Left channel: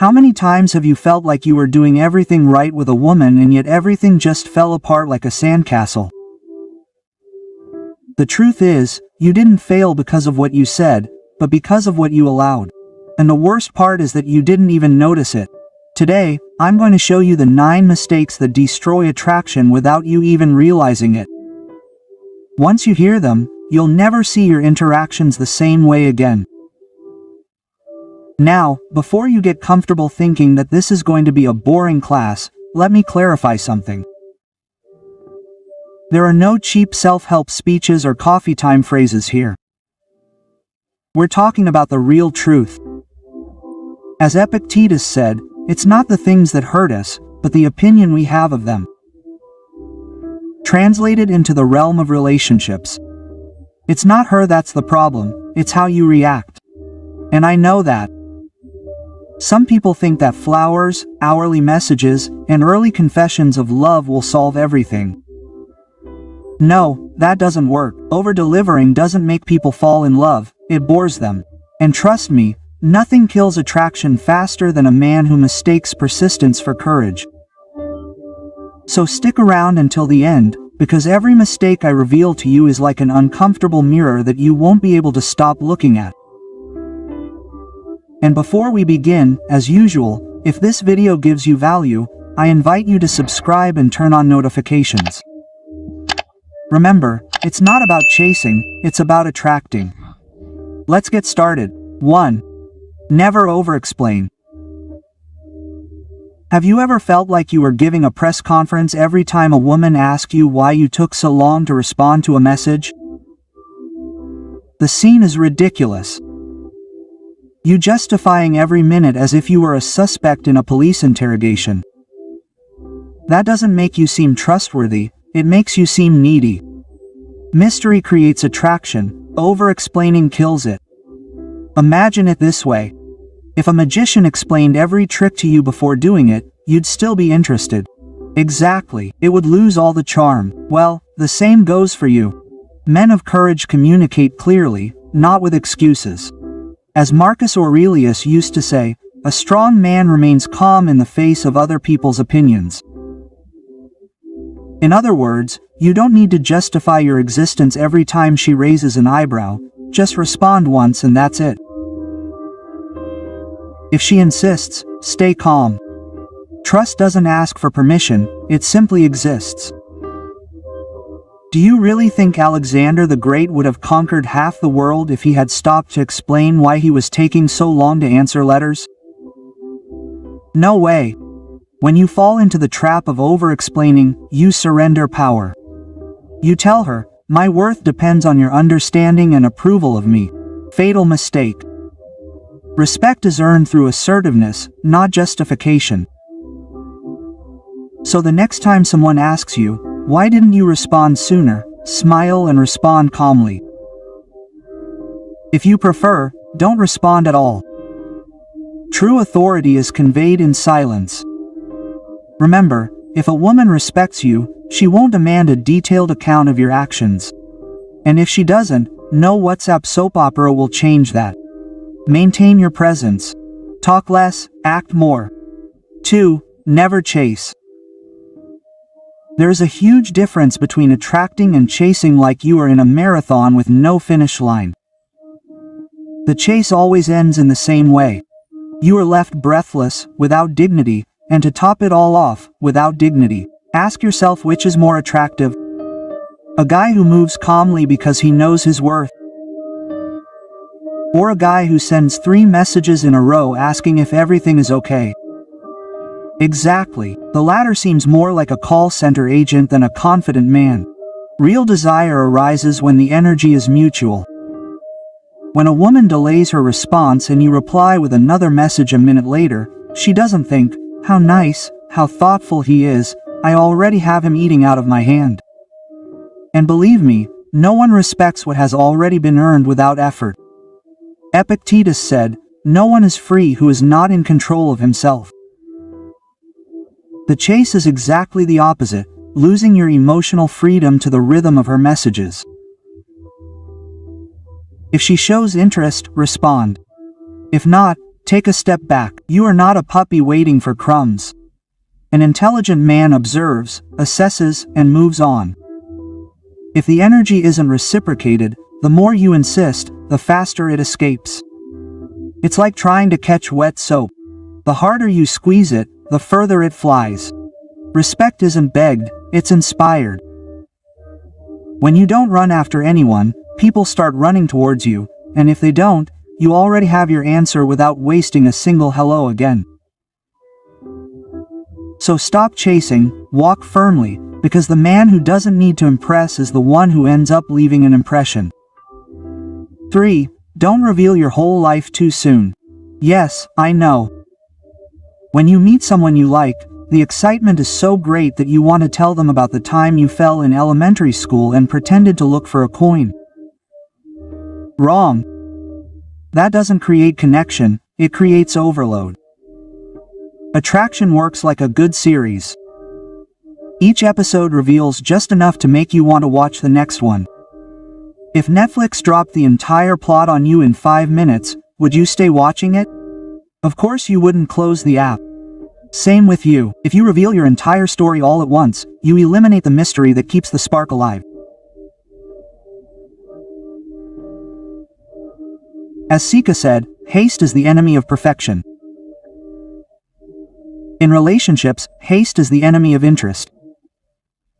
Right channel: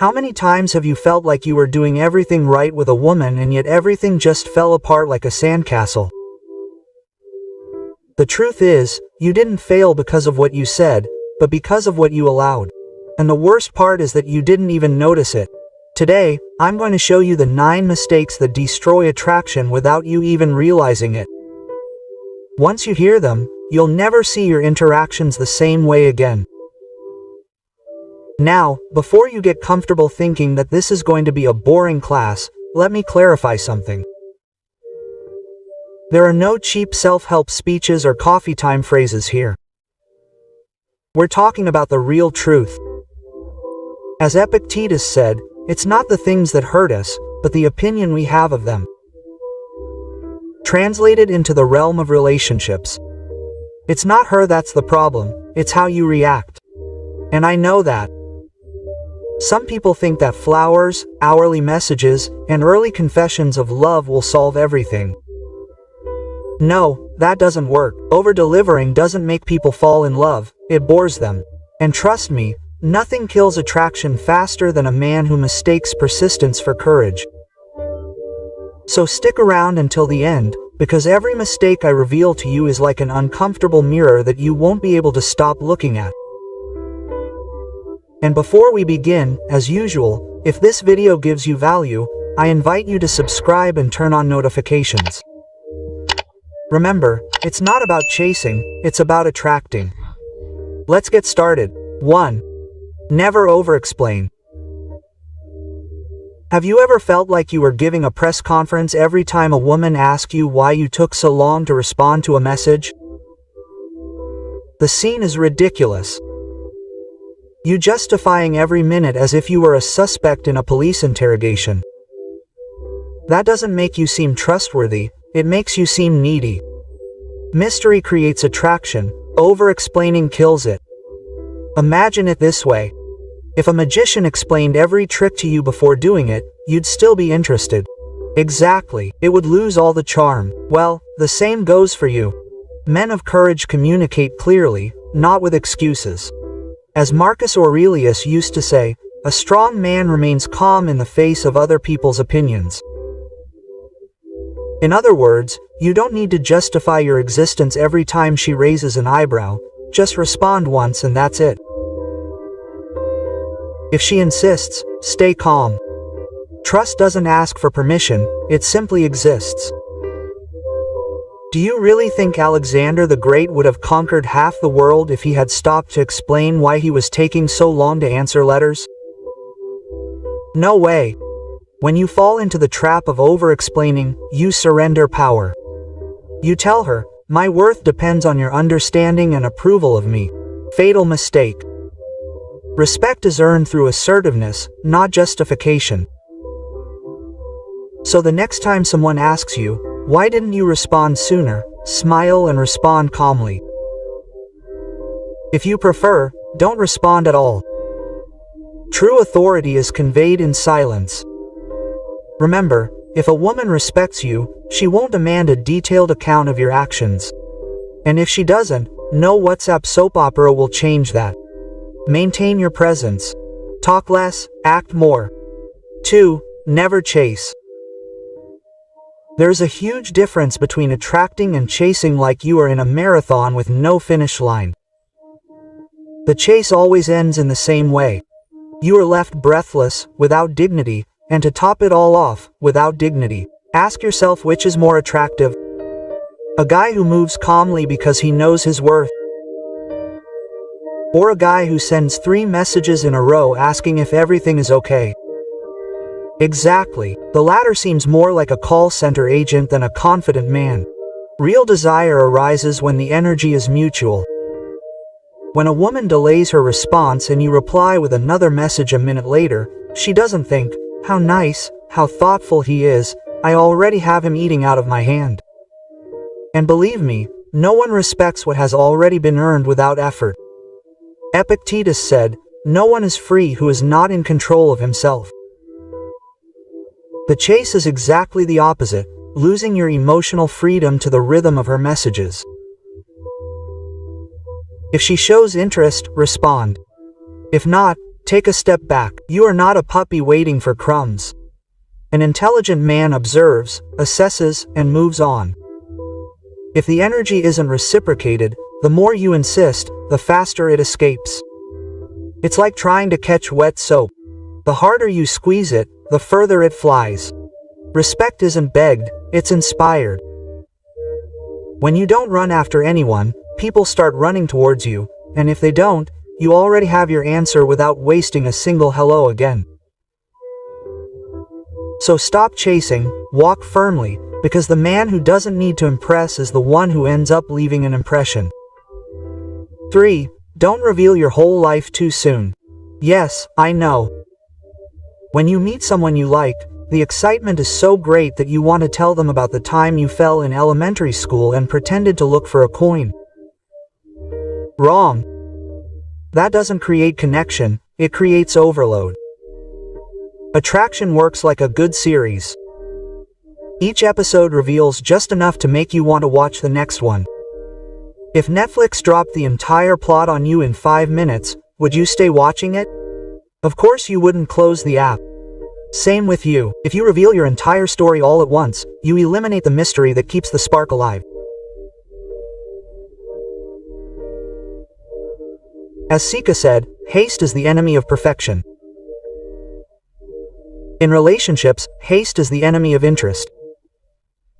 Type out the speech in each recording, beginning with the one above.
How many times have you felt like you were doing everything right with a woman and yet everything just fell apart like a sandcastle? The truth is, you didn't fail because of what you said, but because of what you allowed. And the worst part is that you didn't even notice it. Today, I'm going to show you the 9 mistakes that destroy attraction without you even realizing it. Once you hear them, you'll never see your interactions the same way again. Now, before you get comfortable thinking that this is going to be a boring class, let me clarify something. There are no cheap self-help speeches or coffee time phrases here. We're talking about the real truth. As Epictetus said, it's not the things that hurt us, but the opinion we have of them. Translated into the realm of relationships. It's not her that's the problem, it's how you react. And I know that. Some people think that flowers, hourly messages, and early confessions of love will solve everything. No, that doesn't work. Over-delivering doesn't make people fall in love, it bores them. And trust me, nothing kills attraction faster than a man who mistakes persistence for courage. So stick around until the end, because every mistake I reveal to you is like an uncomfortable mirror that you won't be able to stop looking at. And before we begin, as usual, if this video gives you value, I invite you to subscribe and turn on notifications. Remember, it's not about chasing, it's about attracting. Let's get started. 1. Never over-explain. Have you ever felt like you were giving a press conference every time a woman asked you why you took so long to respond to a message? The scene is ridiculous. You justifying every minute as if you were a suspect in a police interrogation. That doesn't make you seem trustworthy, it makes you seem needy. Mystery creates attraction, over-explaining kills it. Imagine it this way. If a magician explained every trick to you before doing it, you'd still be interested. Exactly, it would lose all the charm. Well, the same goes for you. Men of courage communicate clearly, not with excuses. As Marcus Aurelius used to say, a strong man remains calm in the face of other people's opinions. In other words, you don't need to justify your existence every time she raises an eyebrow, just respond once and that's it. If she insists, stay calm. Trust doesn't ask for permission, it simply exists. Do you really think Alexander the Great would have conquered half the world if he had stopped to explain why he was taking so long to answer letters? No way. When you fall into the trap of over-explaining, you surrender power. You tell her, my worth depends on your understanding and approval of me. Fatal mistake. Respect is earned through assertiveness, not justification. So the next time someone asks you, why didn't you respond sooner, smile and respond calmly. If you prefer, don't respond at all. True authority is conveyed in silence. Remember, if a woman respects you, she won't demand a detailed account of your actions. And if she doesn't, no WhatsApp soap opera will change that. Maintain your presence. Talk less, act more. 2. Never chase. There's a huge difference between attracting and chasing, like you are in a marathon with no finish line. The chase always ends in the same way. You are left breathless, without dignity, and to top it all off, without dignity. Ask yourself which is more attractive. A guy who moves calmly because he knows his worth. Or a guy who sends 3 messages in a row asking if everything is okay. Exactly. The latter seems more like a call center agent than a confident man. Real desire arises when the energy is mutual. When a woman delays her response and you reply with another message a minute later, she doesn't think, how nice, how thoughtful he is, I already have him eating out of my hand. And believe me, no one respects what has already been earned without effort. Epictetus said, no one is free who is not in control of himself. The chase is exactly the opposite, losing your emotional freedom to the rhythm of her messages. If she shows interest, respond. If not, Take a step back. You are not a puppy waiting for crumbs. An intelligent man observes, assesses, and moves on. If the energy isn't reciprocated, the more you insist, the faster it escapes. It's like trying to catch wet soap. The harder you squeeze it, the further it flies. Respect isn't begged, it's inspired. When you don't run after anyone, people start running towards you, and if they don't, you already have your answer without wasting a single hello again. So stop chasing, walk firmly, because the man who doesn't need to impress is the one who ends up leaving an impression. 3. Don't reveal your whole life too soon. Yes, I know. When you meet someone you like, the excitement is so great that you want to tell them about the time you fell in elementary school and pretended to look for a coin. Wrong. That doesn't create connection, it creates overload. Attraction works like a good series. Each episode reveals just enough to make you want to watch the next one. If Netflix dropped the entire plot on you in 5 minutes, would you stay watching it? Of course you wouldn't close the app. Same with you. If you reveal your entire story all at once, you eliminate the mystery that keeps the spark alive. As Seneca said, haste is the enemy of perfection. In relationships, haste is the enemy of interest.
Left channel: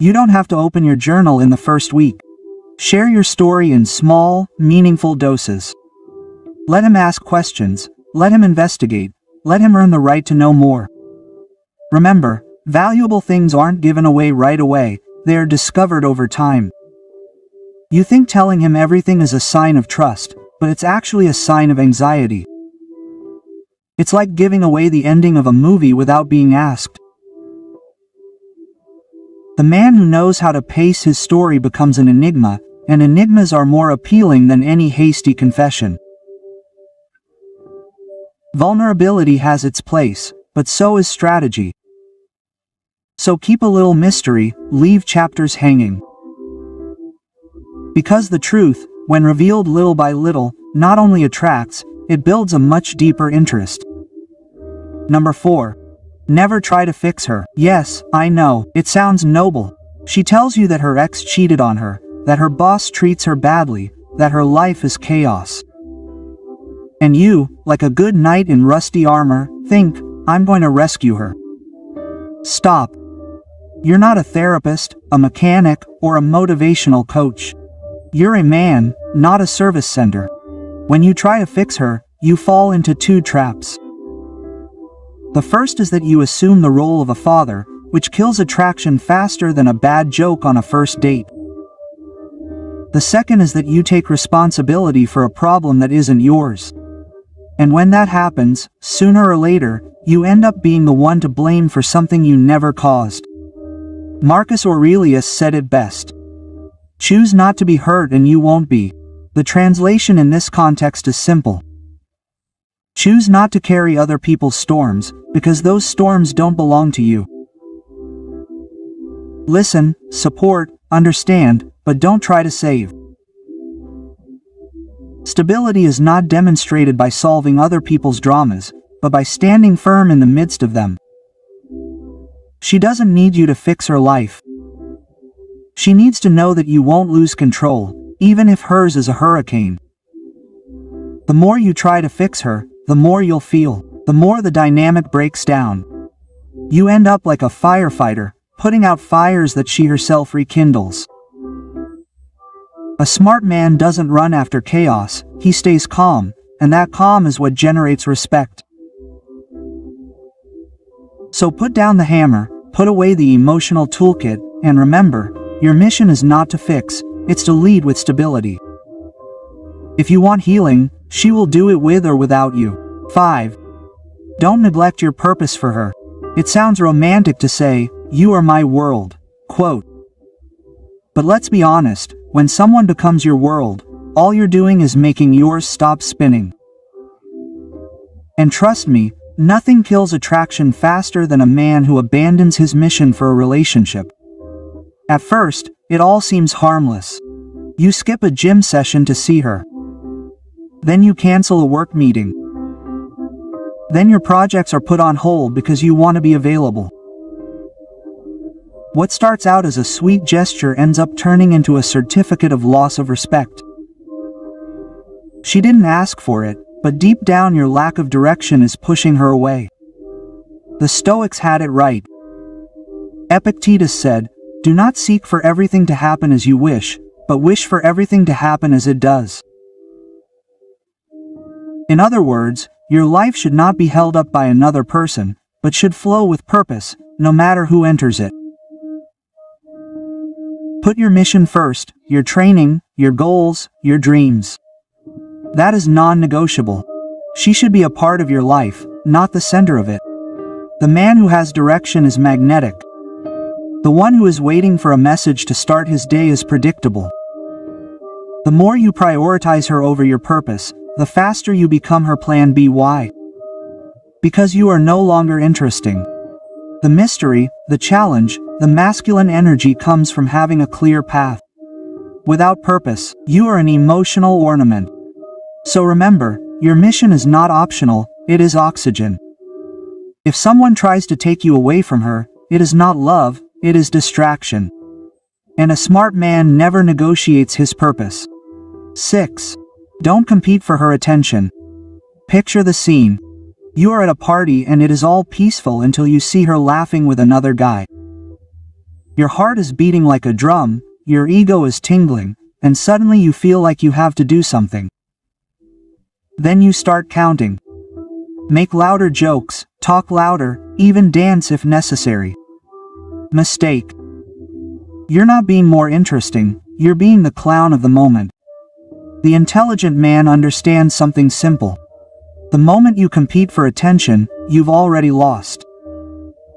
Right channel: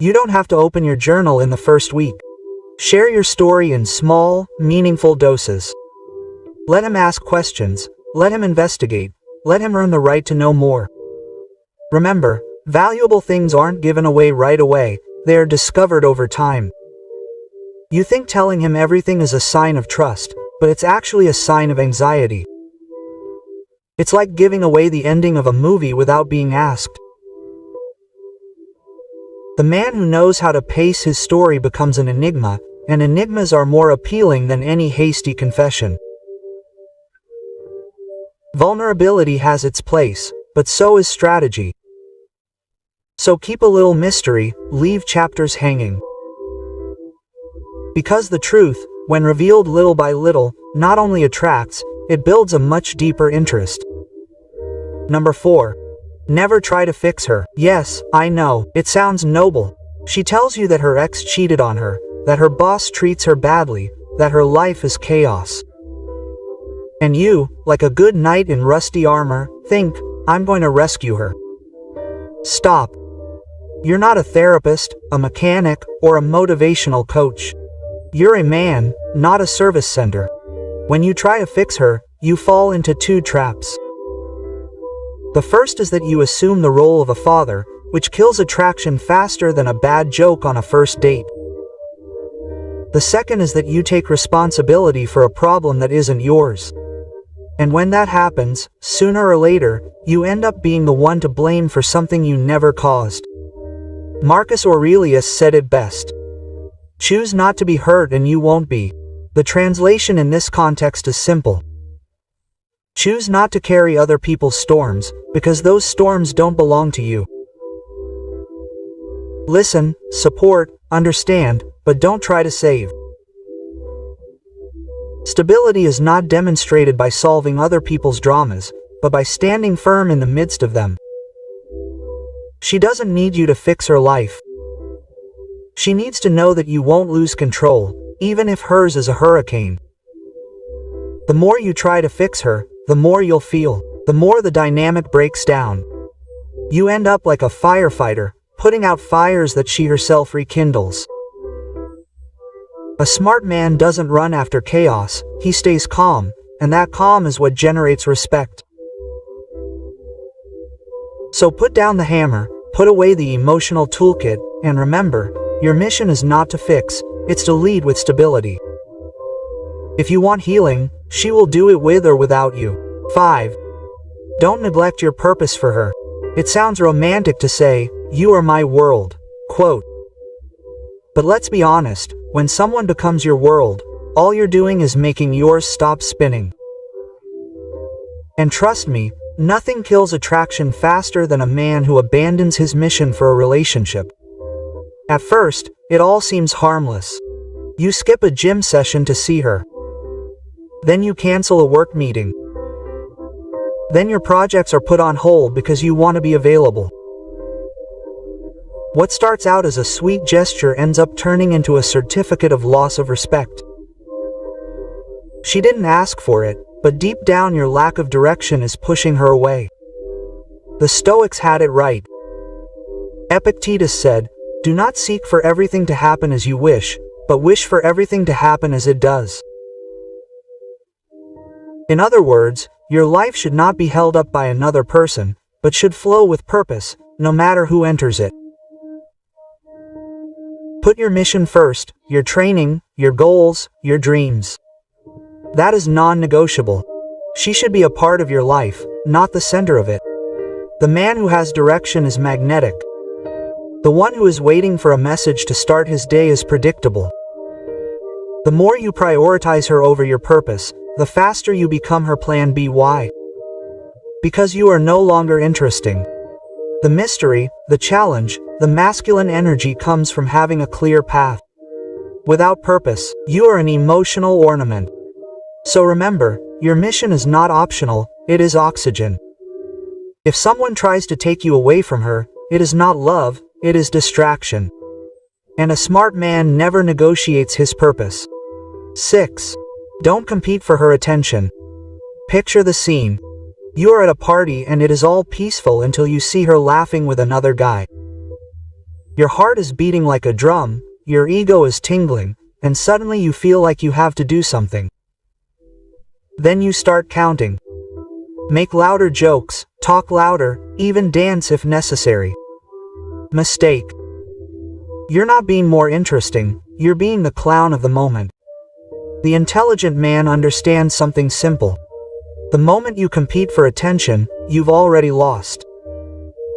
You don't have to open your journal in the first week. Share your story in small, meaningful doses. Let him ask questions, let him investigate, let him earn the right to know more. Remember, valuable things aren't given away right away, they are discovered over time. You think telling him everything is a sign of trust, but it's actually a sign of anxiety. It's like giving away the ending of a movie without being asked. The man who knows how to pace his story becomes an enigma, and enigmas are more appealing than any hasty confession. Vulnerability has its place, but so is strategy. So keep a little mystery, leave chapters hanging. Because the truth, when revealed little by little, not only attracts, it builds a much deeper interest. Number 4. Never try to fix her. Yes, I know, it sounds noble. She tells you that her ex cheated on her, that her boss treats her badly, that her life is chaos. And you, like a good knight in rusty armor, think, I'm going to rescue her. Stop. You're not a therapist, a mechanic, or a motivational coach. You're a man, not a service center. When you try to fix her, you fall into 2 traps. The first is that you assume the role of a father, which kills attraction faster than a bad joke on a first date. The second is that you take responsibility for a problem that isn't yours. And when that happens, sooner or later, you end up being the one to blame for something you never caused. Marcus Aurelius said it best. Choose not to be hurt and you won't be. The translation in this context is simple. Choose not to carry other people's storms, because those storms don't belong to you. Listen, support, understand, but don't try to save. Stability is not demonstrated by solving other people's dramas, but by standing firm in the midst of them. She doesn't need you to fix her life. She needs to know that you won't lose control, even if hers is a hurricane. The more you try to fix her, the more you'll feel, the more the dynamic breaks down. You end up like a firefighter, putting out fires that she herself rekindles. A smart man doesn't run after chaos, he stays calm, and that calm is what generates respect. So put down the hammer, put away the emotional toolkit, and remember, your mission is not to fix, it's to lead with stability. If you want healing, she will do it with or without you. 5. Don't neglect your purpose for her. It sounds romantic to say, you are my world, quote. But let's be honest, when someone becomes your world, all you're doing is making yours stop spinning. And trust me, nothing kills attraction faster than a man who abandons his mission for a relationship. At first, it all seems harmless. You skip a gym session to see her. Then you cancel a work meeting. Then your projects are put on hold because you want to be available. What starts out as a sweet gesture ends up turning into a certificate of loss of respect. She didn't ask for it, but deep down your lack of direction is pushing her away. The Stoics had it right. Epictetus said, "Do not seek for everything to happen as you wish, but wish for everything to happen as it does." In other words, your life should not be held up by another person, but should flow with purpose, no matter who enters it. Put your mission first, your training, your goals, your dreams. That is non-negotiable. She should be a part of your life, not the center of it. The man who has direction is magnetic. The one who is waiting for a message to start his day is predictable. The more you prioritize her over your purpose, the faster you become her plan B. Why? Because you are no longer interesting. The mystery, the challenge, the masculine energy comes from having a clear path. Without purpose, you are an emotional ornament. So remember, your mission is not optional, it is oxygen. If someone tries to take you away from her, it is not love, it is distraction. And a smart man never negotiates his purpose. 6. Don't compete for her attention. Picture the scene. You are at a party and it is all peaceful until you see her laughing with another guy. Your heart is beating like a drum, your ego is tingling, and suddenly you feel like you have to do something. Then you start counting. Make louder jokes, talk louder, even dance if necessary. Mistake. You're not being more interesting, you're being the clown of the moment. The intelligent man understands something simple. The moment you compete for attention, you've already lost.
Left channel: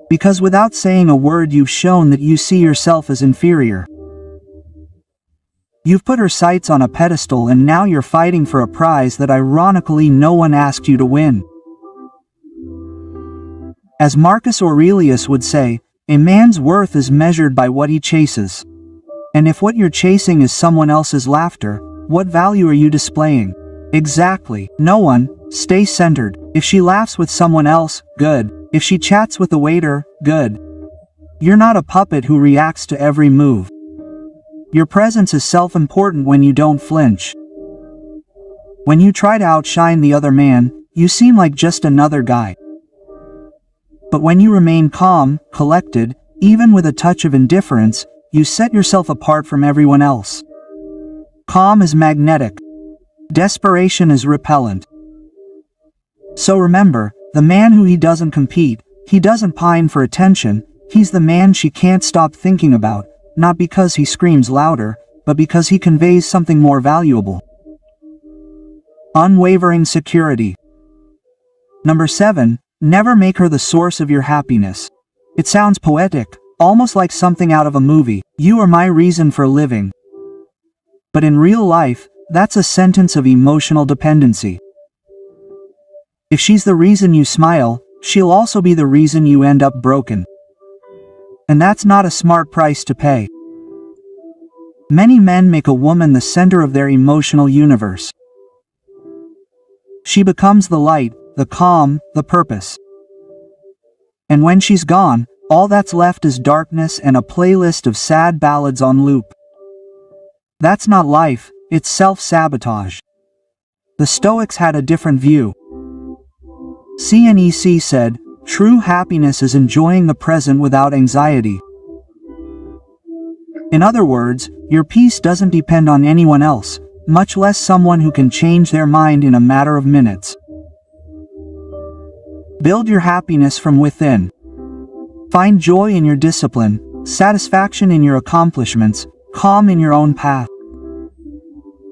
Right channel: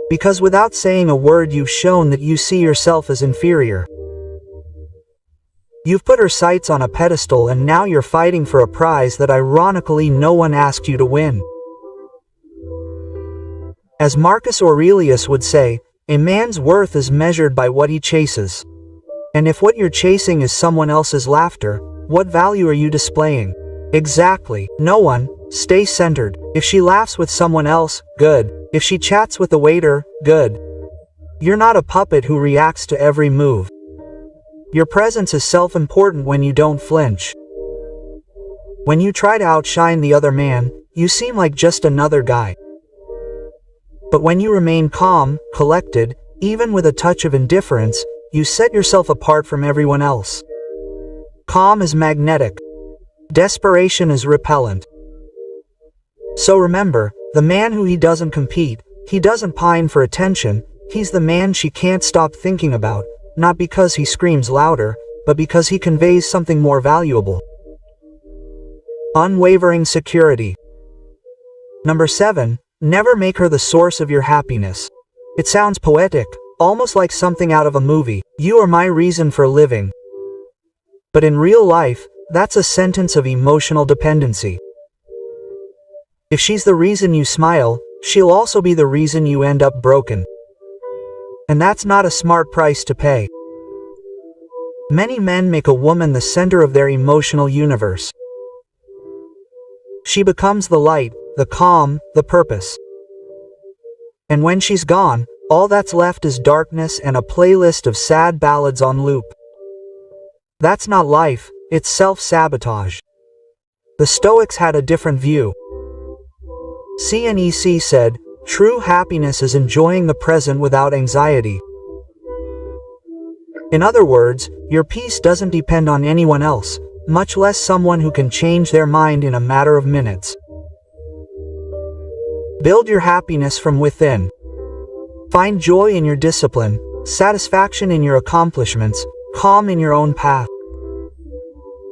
Because without saying a word you've shown that you see yourself as inferior. You've put her sights on a pedestal and now you're fighting for a prize that ironically no one asked you to win. As Marcus Aurelius would say, a man's worth is measured by what he chases. And if what you're chasing is someone else's laughter, what value are you displaying? Exactly, no one. Stay centered. If she laughs with someone else, good. If she chats with the waiter, good. You're not a puppet who reacts to every move. Your presence is self-important when you don't flinch. When you try to outshine the other man, you seem like just another guy. But when you remain calm, collected, even with a touch of indifference, you set yourself apart from everyone else. Calm is magnetic. Desperation is repellent. So remember, the man who he doesn't compete, he doesn't pine for attention, he's the man she can't stop thinking about, not because he screams louder, but because he conveys something more valuable. Unwavering security. Number 7, never make her the source of your happiness. It sounds poetic, almost like something out of a movie. You are my reason for living. But in real life, that's a sentence of emotional dependency. If she's the reason you smile, she'll also be the reason you end up broken. And that's not a smart price to pay. Many men make a woman the center of their emotional universe. She becomes the light, the calm, the purpose. And when she's gone, all that's left is darkness and a playlist of sad ballads on loop. That's not life, it's self-sabotage. The Stoics had a different view. CNEC said, "True happiness is enjoying the present without anxiety." In other words, your peace doesn't depend on anyone else, much less someone who can change their mind in a matter of minutes. Build your happiness from within. Find joy in your discipline, satisfaction in your accomplishments, calm in your own path.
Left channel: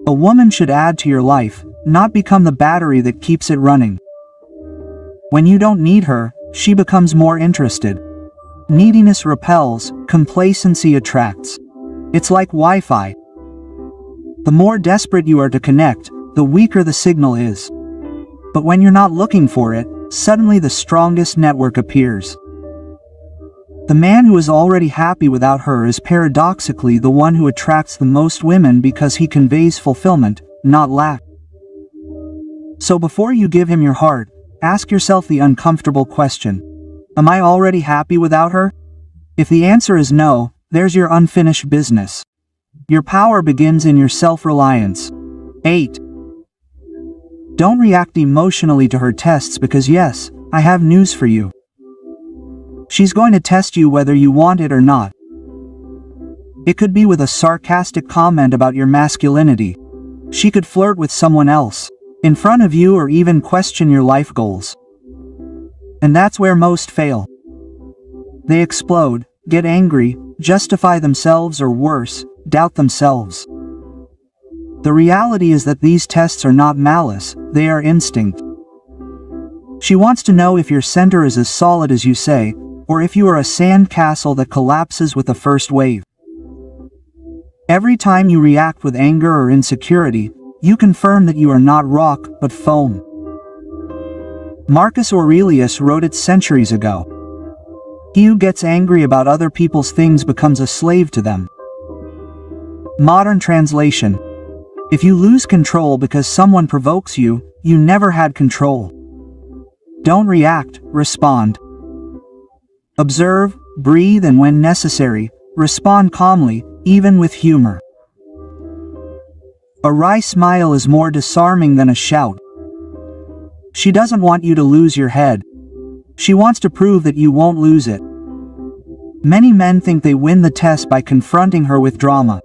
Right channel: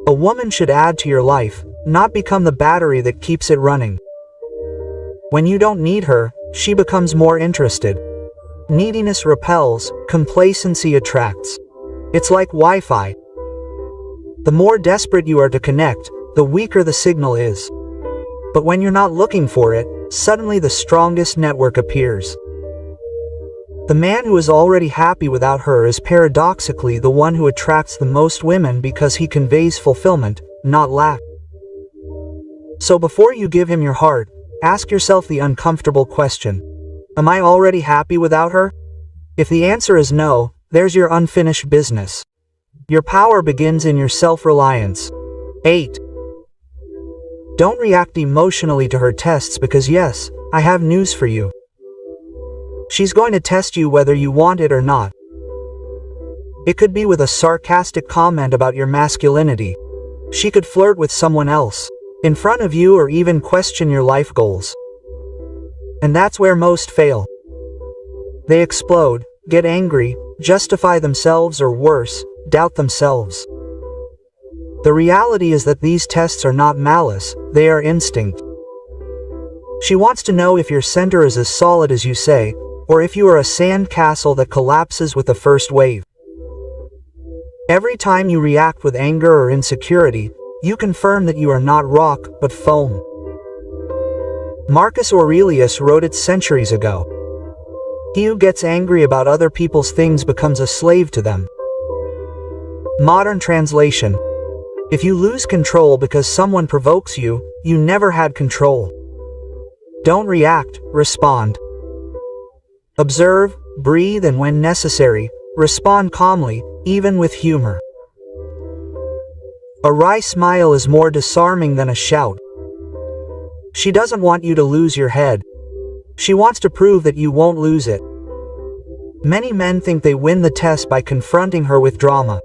A woman should add to your life, not become the battery that keeps it running. When you don't need her, she becomes more interested. Neediness repels, complacency attracts. It's like Wi-Fi. The more desperate you are to connect, the weaker the signal is. But when you're not looking for it, suddenly the strongest network appears. The man who is already happy without her is paradoxically the one who attracts the most women because he conveys fulfillment, not lack. So before you give him your heart, ask yourself the uncomfortable question. Am I already happy without her? If the answer is no, there's your unfinished business. Your power begins in your self-reliance. 8. Don't react emotionally to her tests because yes, I have news for you. She's going to test you whether you want it or not. It could be with a sarcastic comment about your masculinity. She could flirt with someone else in front of you or even question your life goals. And that's where most fail. They explode, get angry, justify themselves or worse, doubt themselves. The reality is that these tests are not malice, they are instinct. She wants to know if your center is as solid as you say, or if you are a sand castle that collapses with the first wave. Every time you react with anger or insecurity, you confirm that you are not rock, but foam. Marcus Aurelius wrote it centuries ago. He who gets angry about other people's things becomes a slave to them. Modern translation. If you lose control because someone provokes you, you never had control. Don't react, respond. Observe, breathe, and when necessary, respond calmly, even with humor. A wry smile is more disarming than a shout. She doesn't want you to lose your head. She wants to prove that you won't lose it. Many men think they win the test by confronting her with drama.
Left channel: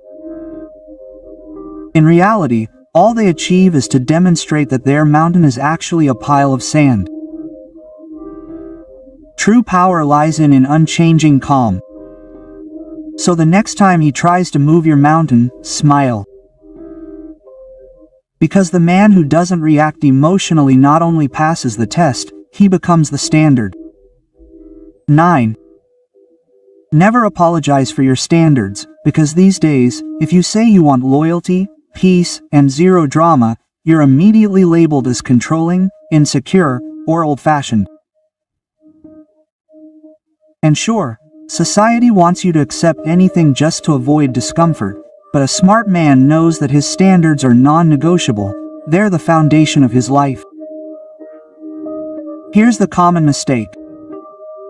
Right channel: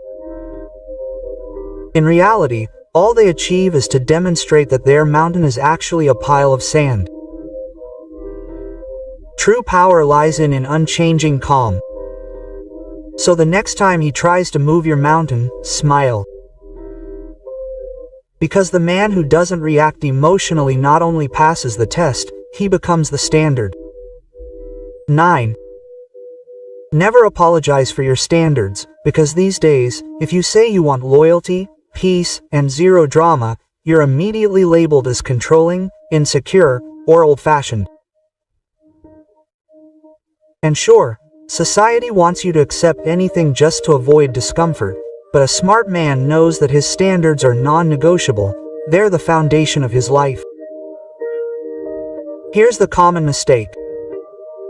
In reality, all they achieve is to demonstrate that their mountain is actually a pile of sand. True power lies in unchanging calm. So the next time he tries to move your mountain, smile. Because the man who doesn't react emotionally not only passes the test, he becomes the standard. 9. Never apologize for your standards, because these days, if you say you want loyalty, peace, and zero drama, you're immediately labeled as controlling, insecure, or old-fashioned. And sure, society wants you to accept anything just to avoid discomfort, but a smart man knows that his standards are non-negotiable. They're the foundation of his life. Here's the common mistake.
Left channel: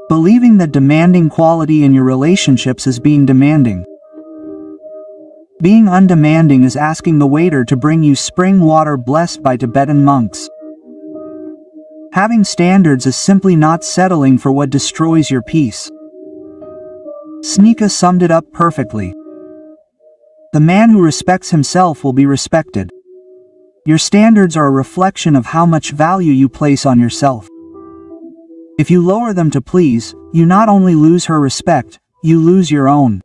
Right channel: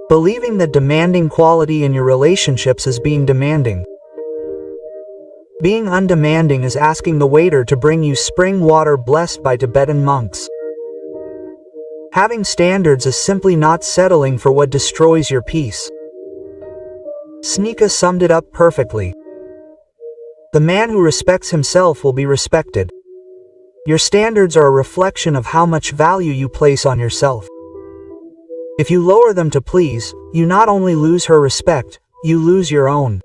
Believing that demanding quality in your relationships is being demanding. Being undemanding is asking the waiter to bring you spring water blessed by Tibetan monks. Having standards is simply not settling for what destroys your peace. Seneca summed it up perfectly. The man who respects himself will be respected. Your standards are a reflection of how much value you place on yourself. If you lower them to please, you not only lose her respect, you lose your own.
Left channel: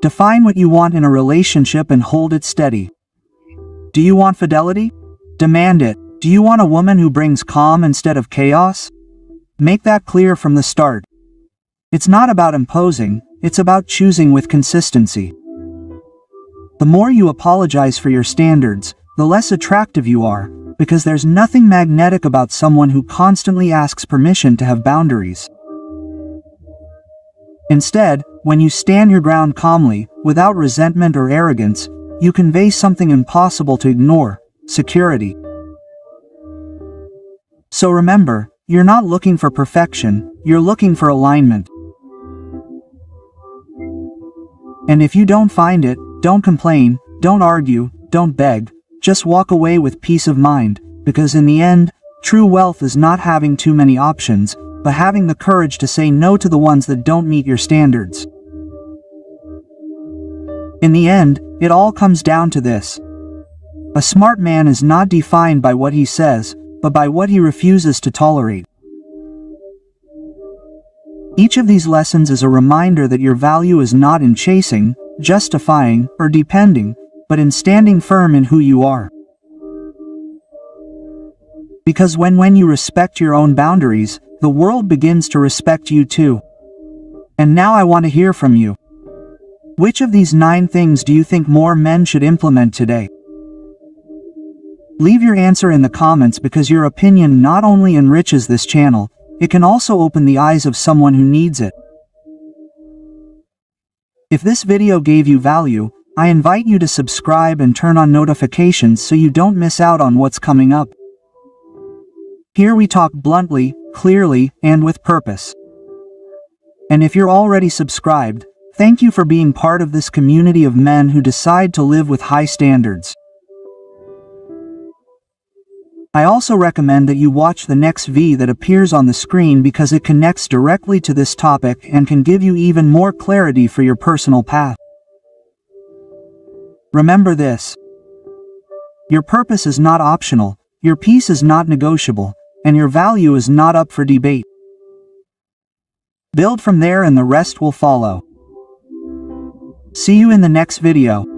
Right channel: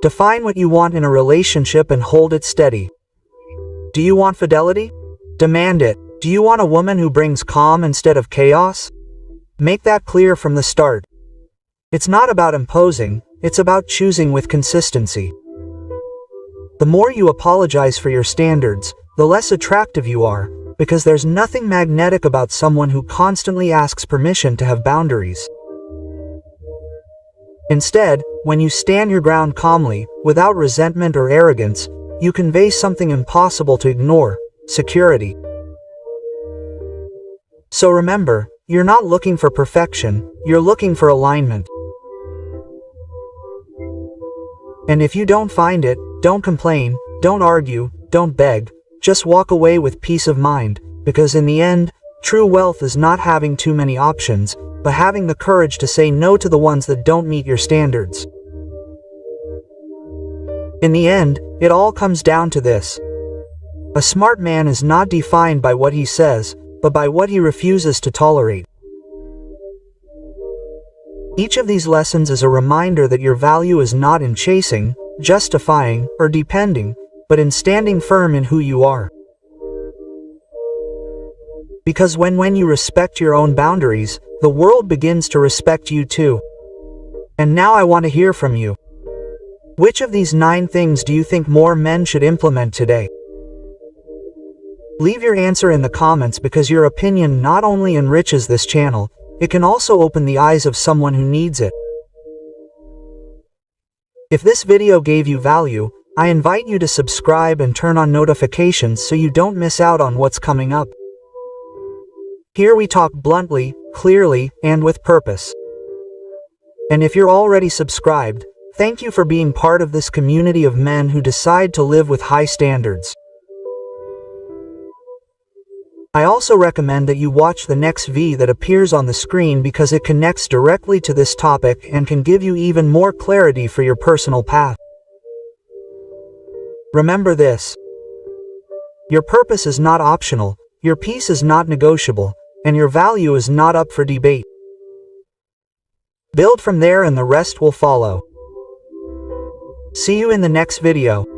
Define what you want in a relationship and hold it steady. Do you want fidelity? Demand it. Do you want a woman who brings calm instead of chaos? Make that clear from the start. It's not about imposing, it's about choosing with consistency. The more you apologize for your standards, the less attractive you are, because there's nothing magnetic about someone who constantly asks permission to have boundaries. Instead, when you stand your ground calmly, without resentment or arrogance, you convey something impossible to ignore: security. So remember, you're not looking for perfection, you're looking for alignment. And if you don't find it, don't complain, don't argue, don't beg, just walk away with peace of mind, because in the end, true wealth is not having too many options, but having the courage to say no to the ones that don't meet your standards. In the end, it all comes down to this. A smart man is not defined by what he says, but by what he refuses to tolerate. Each of these lessons is a reminder that your value is not in chasing, justifying, or depending, but in standing firm in who you are. Because when you respect your own boundaries, the world begins to respect you too. And now I want to hear from you. Which of these 9 things do you think more men should implement today? Leave your answer in the comments, because your opinion not only enriches this channel, it can also open the eyes of someone who needs it. If this video gave you value, I invite you to subscribe and turn on notifications so you don't miss out on what's coming up. Here we talk bluntly, clearly, and with purpose. And if you're already subscribed, thank you for being part of this community of men who decide to live with high standards. I also recommend that you watch the next V that appears on the screen because it connects directly to this topic and can give you even more clarity for your personal path. Remember this. Your purpose is not optional, your peace is not negotiable, and your value is not up for debate. Build from there and the rest will follow. See you in the next video.